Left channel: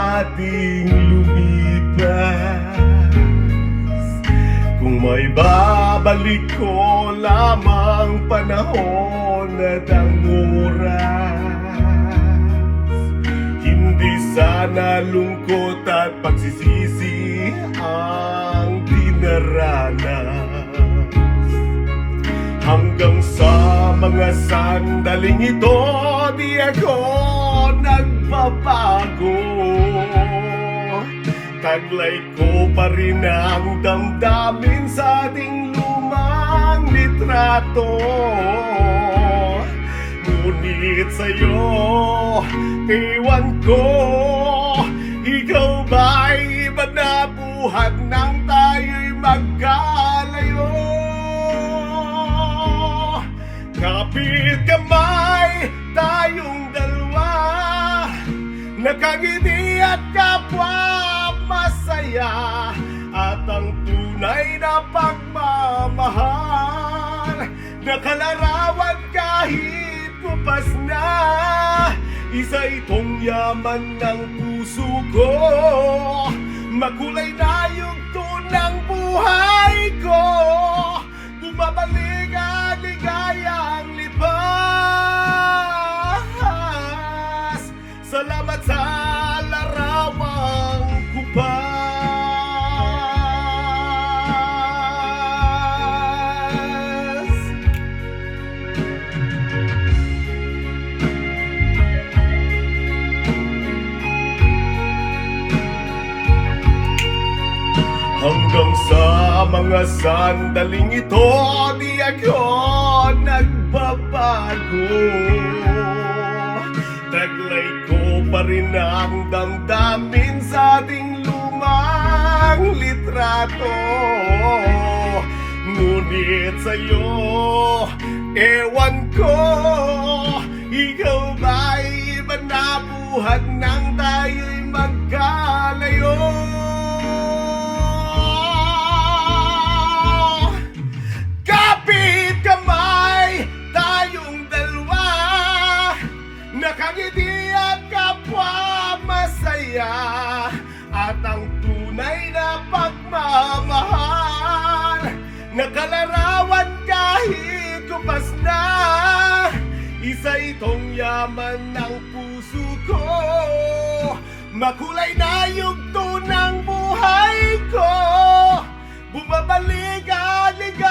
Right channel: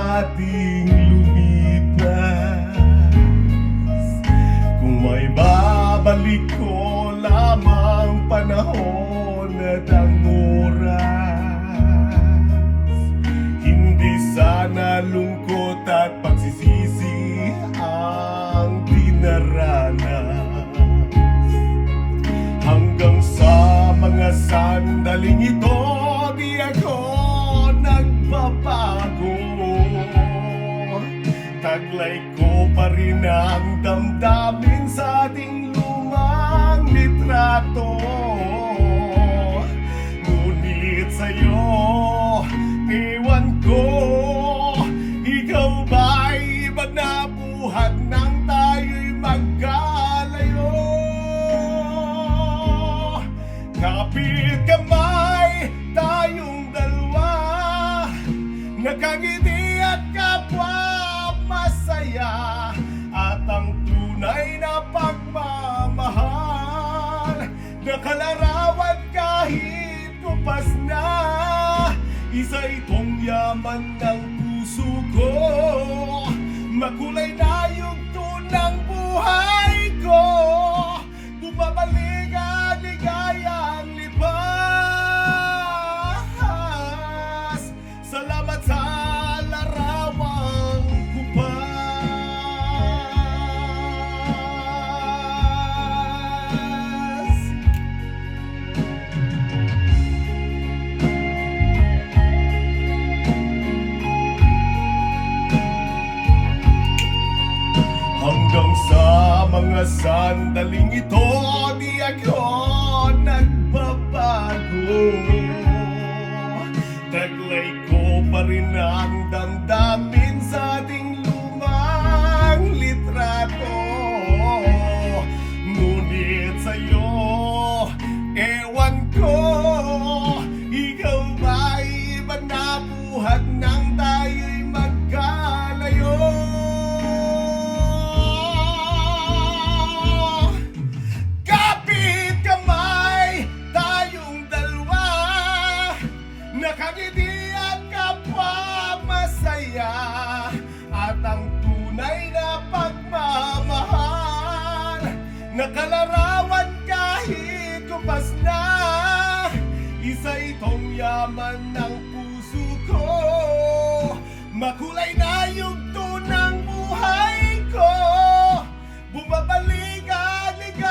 ating lumipas. Kung may babalik ko lamang panahon at ang oras, hindi sana lungkot at pagsisisi ang dinaranas. Hanggang sa mga sandaling ito, di ako nagbabago. Taglay ko pa rin ang damdamin sa ating lumang litrato. Ngunit sa'yo, ewan ko, ikaw ba'y iba na buhat nang tayo'y magkalayo? Kapit kamay tayong dalawa, nakangiti at kapwa masaya, at ang tunay na pagmamahal, nakalarawan kahit kupas na. Isa itong yaman ng puso ko, makulay na yung tunang buhay ko. Bumabalik ang ligayang lipas. Salamat sa larawang kupas. Hanggang sa mga sandaling ito, di ako nagbabago. Taglay ko pa rin ang damdamin sa ating lumang litrato. Ngunit sa'yo, ewan ko, ikaw ba'y iba na buhat nang tayo'y magkalayo? Kapit kamay tayong dalawa, nakangiti at kapwa masaya, at ang tunay na pagmamahal, nakalarawan kahit kupas na. Isa itong yaman ng puso ko, makulay na yung tunang buhay ko. Bumabalik ang ligay